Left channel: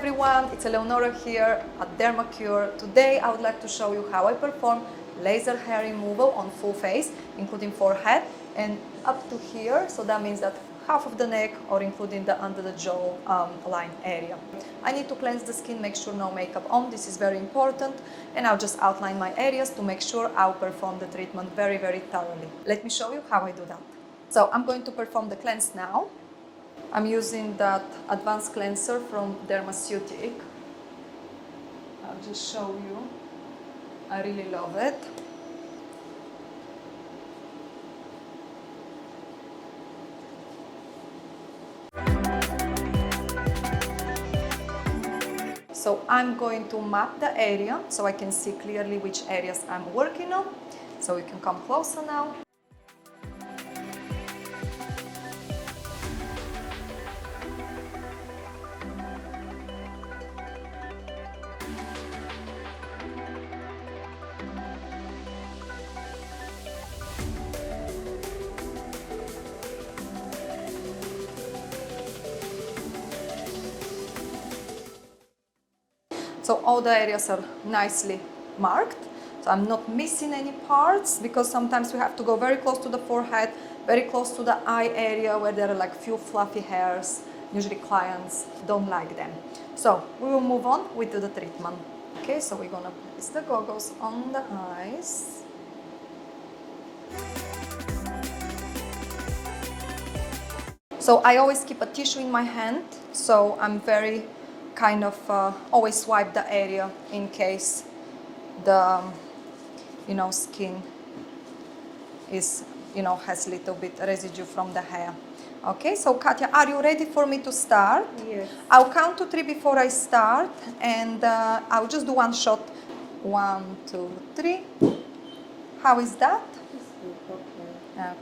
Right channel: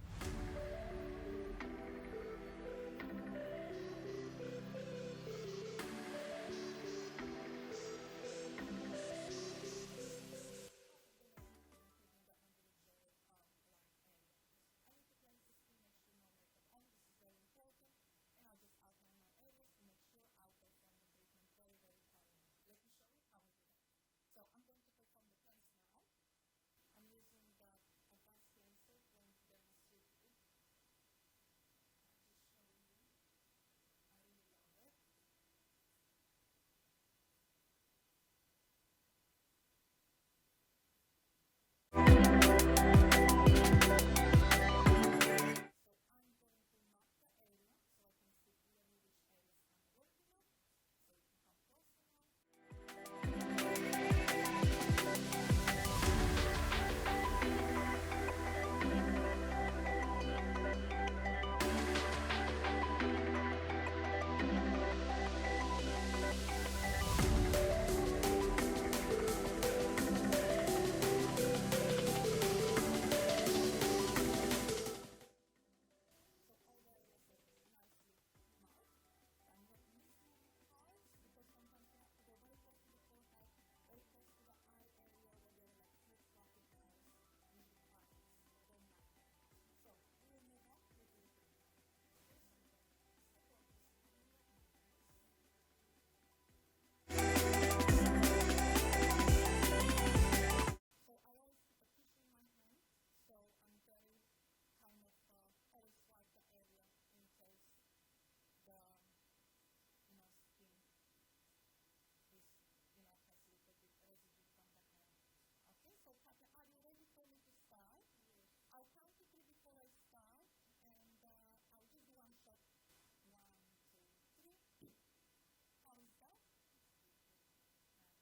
everyone, it's Eleonora here at Dermacure. Today I would like to show you how I perform laser hair removal on full face, including forehead and up to here, so that means that half of the neck or including the under the jaw line area. I need to cleanse the skin, make sure no makeup on, this is very important, and I'll just outline my areas to make sure I'll perform the treatment very thoroughly. Let me show you how I do that. So I'm going to perform the cleanse now. I'm using that advanced cleanser from Dermaceutic. I'll just show you. I really love it. So I'm going to map the area so I can see clearly which areas I'm working on. So you can come closer now. So all the areas are nicely marked. So I'm not missing any parts because sometimes we have to go very close to the forehead, very close to the eye area where there are like few fluffy hairs. Usually clients don't like them. So we will move on with the treatment. Okay, so we're gonna place the goggles on the eyes. So I always keep a tissue in my hand, so I'm very kind of always swipe the area in case the skin is has a little bit residue from the hair. Okay, so Katya, are you ready for me to start? Yes. I'll count to 3 before I start, and I'll just do one shot. 1, 2, 3. How is that?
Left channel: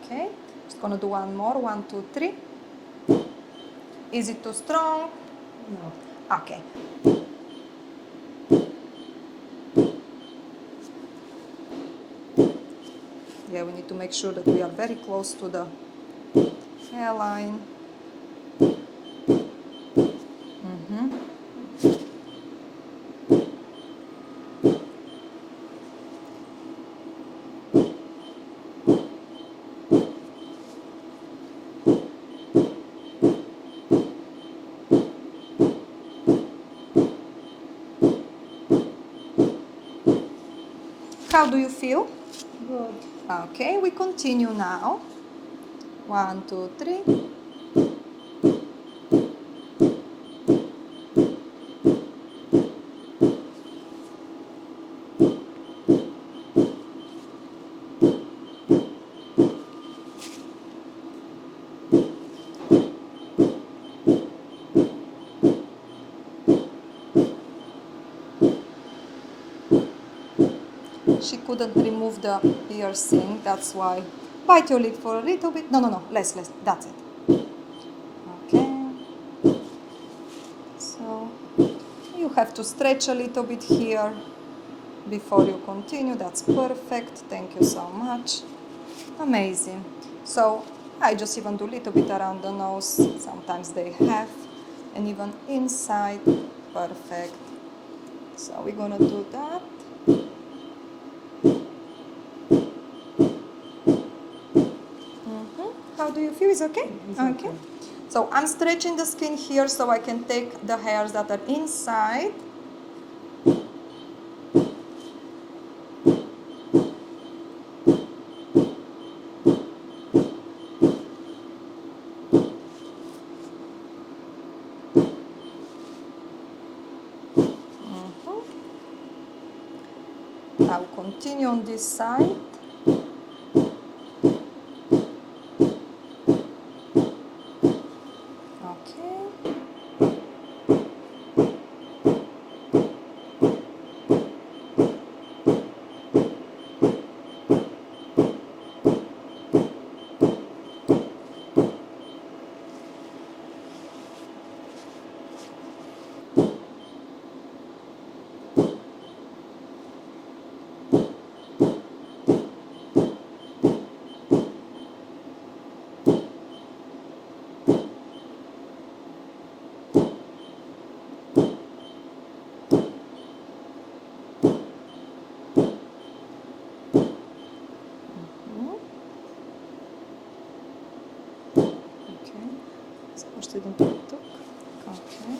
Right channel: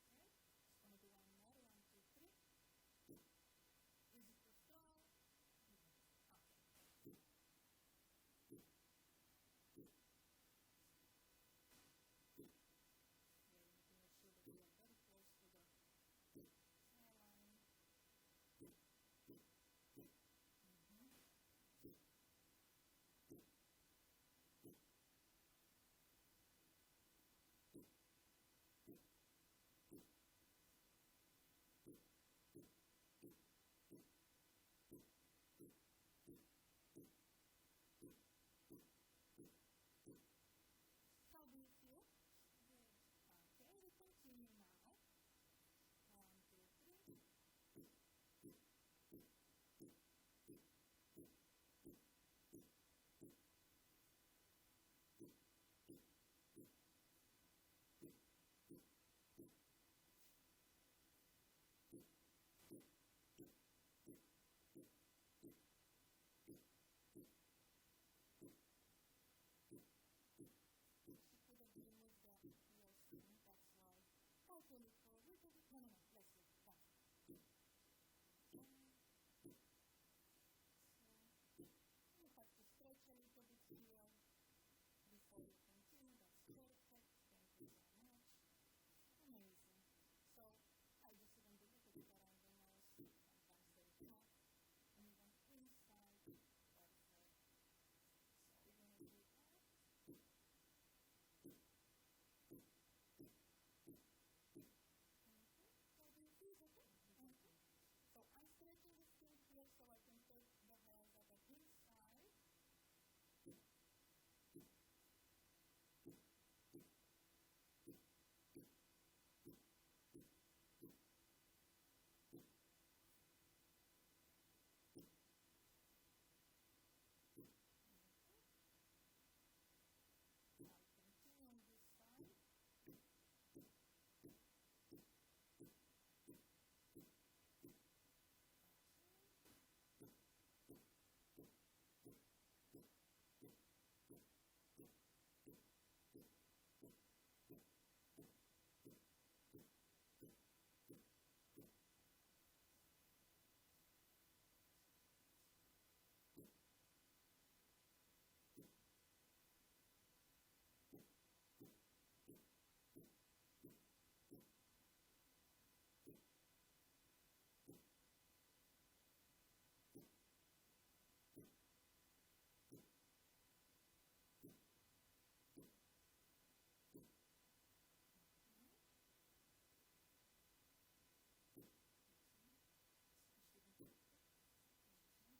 Okay, just gonna do one more. 1, 2, 3. Is it too strong? No. Okay. Yeah, we need to make sure that we are very close to the hairline. How do you feel? Good. Okay, we continue now. 1, 2, 3. She couldn't remove the piercing, that's why. Bite your lip for a little bit. No, less, that's it. Okay. So, you have to stretch a little bit here before you continue. That's perfect. Thank you so much. Amazing. So, I just even do a little bit around the nose. Sometimes they have. And even inside. Perfect. So, we're gonna do that. How do you feel? Is okay? Okay. So I'm stretching the skin here so I can take the hairs that are inside. I'll continue on this side. interested in TikTok. Okay.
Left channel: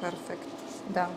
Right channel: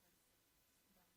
Perfect. Done.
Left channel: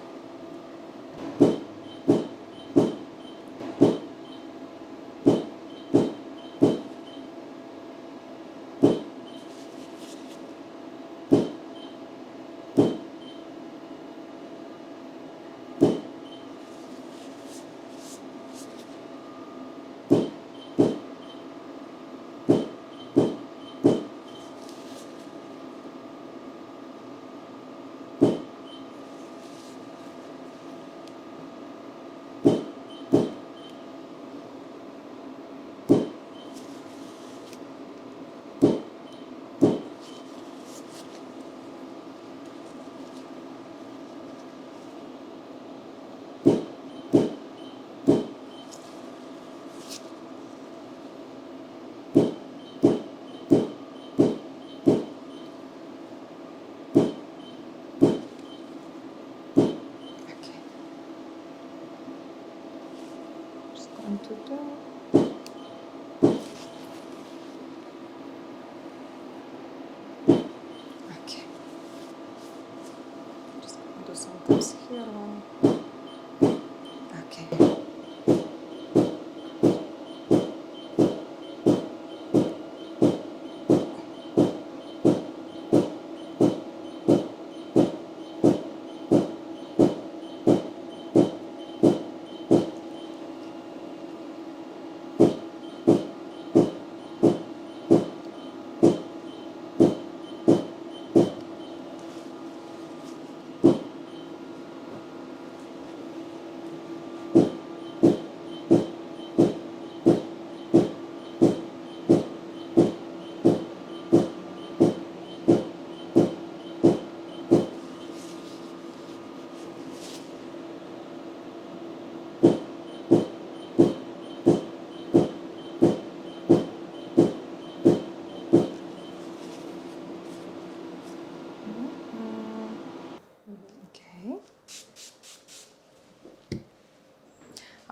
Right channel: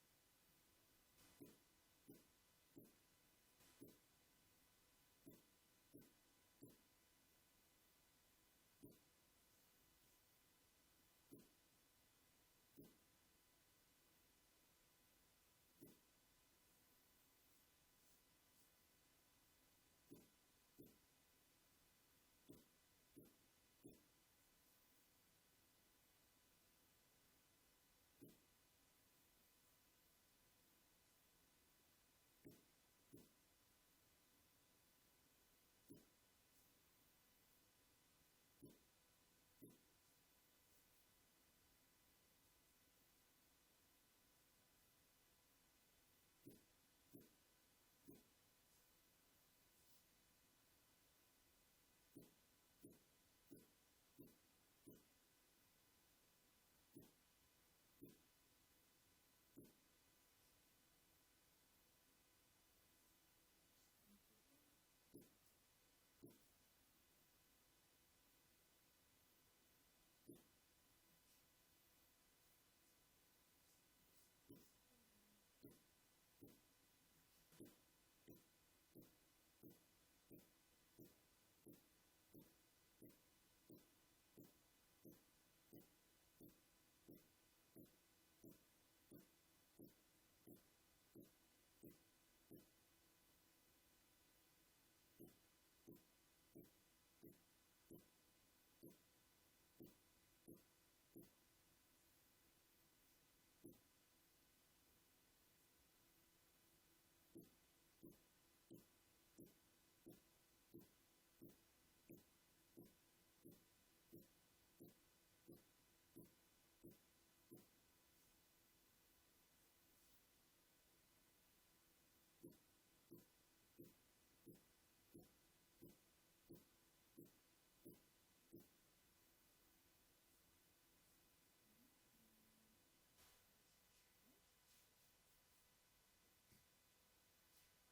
Just going to do. Okay. Just going to do some taps here. Okay. Okay.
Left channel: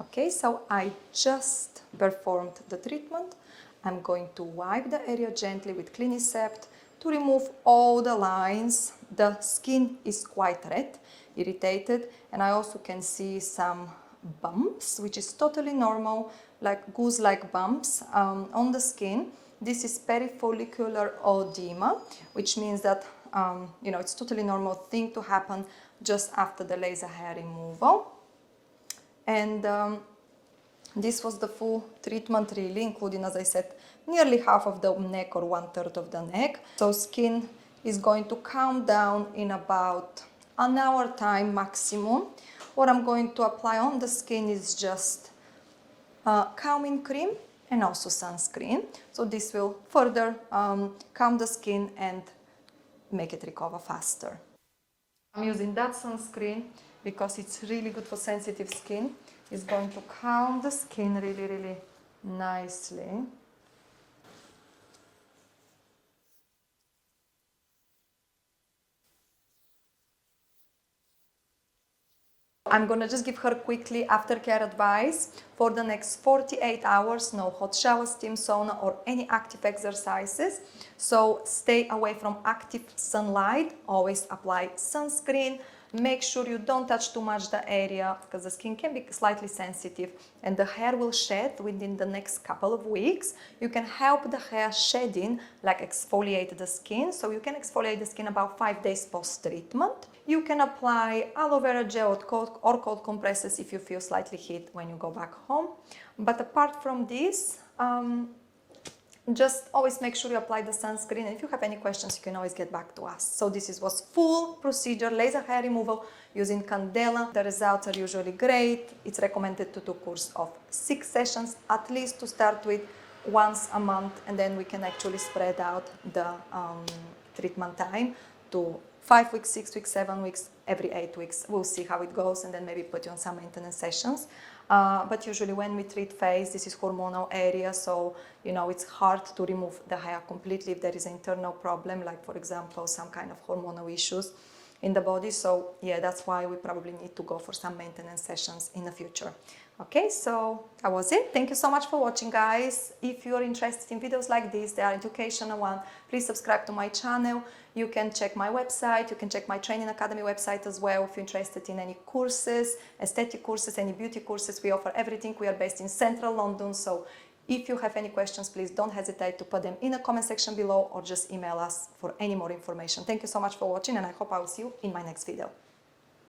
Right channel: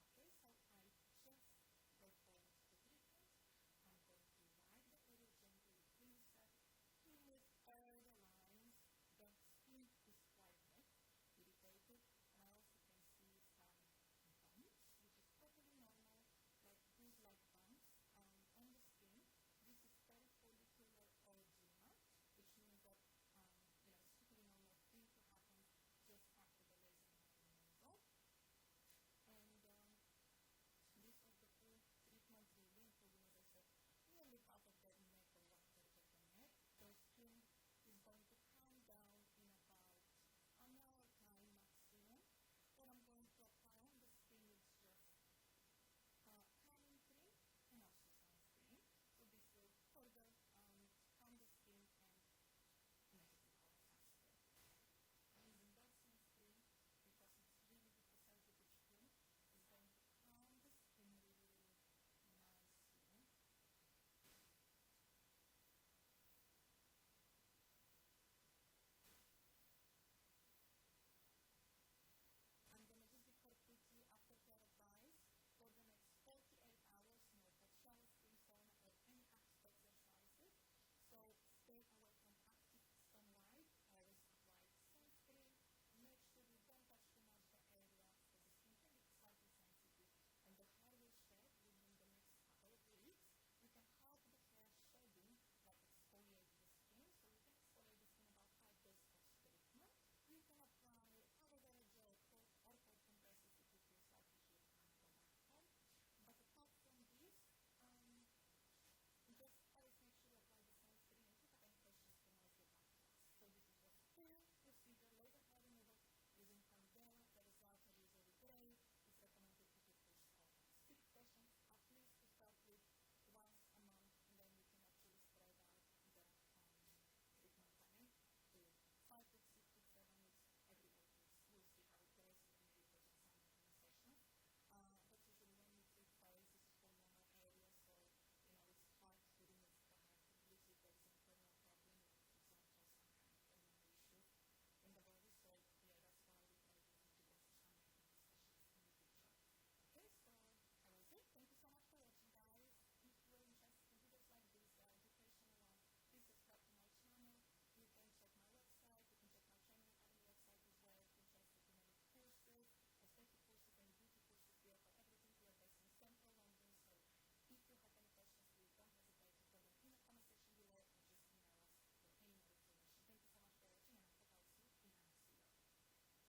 Okay, so I just performed the treatment. I'm going to wipe the area gently with Clinicept to remove all the lines. The skin is quite red, irritated, and I also can see some bumps, which is totally normal, like goose-like bumps on the skin. This is perifollicular edema, which means that it's totally normal thing to happen just after the laser hair removal. And this was the full treatment really, including, as I said, nearly half of the neck or 1/3 of the neck. So skin is going to calm down in about an hour time maximum. What I'm going to apply on the skin is just calming cream and also sunscreen. So this will further calm the skin and make it recover faster. I'm using that sunscreen because it's really good for sensitive skin. It's going to calm the skin really, really nicely. I'm gonna just give her quickly aftercare advice. For the next 48 hours, no hot shower, steam sauna or any active exercises. So stay away from active sunlight, always apply sunscreen. Make sure you don't touch too much the area because the skin can be slightly sensitive and the hair will shed within the next couple of weeks. You can help the hair shedding, like exfoliate the skin. So you can exfoliate the skin about 5 days post-treatment. You can apply aloe vera gel or cold compresses if you feel slightly heat when you go back home. But apart from this, just always make sure you apply the sunscreen, and if you have any questions you can always get back to us. So this was full procedure laser hair removal using Candela. The results are usually great. It's recommended to do a course of 6 sessions at least to start with, once a month, and then we can actually spread out the treatment time to 5 weeks, 6 weeks, 7 weeks, every 8 weeks. We'll see how it goes and then maybe put you on some maintenance sessions. But usually when we treat face, this is hormonal area, so it's hard to remove the hair completely if there is an internal problem, like for example some kind of hormonal issues in the body. So yeah, that's why we probably need to go for some maintenance sessions in the future. Okay, so that was it. Thank you so much for watching, guys. If you're interested in videos like this, they are educational one, please subscribe to my channel. You can check my website, you can check my training academy website as well if you're interested in any courses, aesthetic courses, any beauty courses. We offer everything. We are based in central London, so if you have any questions, please don't hesitate to put them in the comment section below or just email us for any more information. Thank you so much for watching, and I hope I will see you in my next video.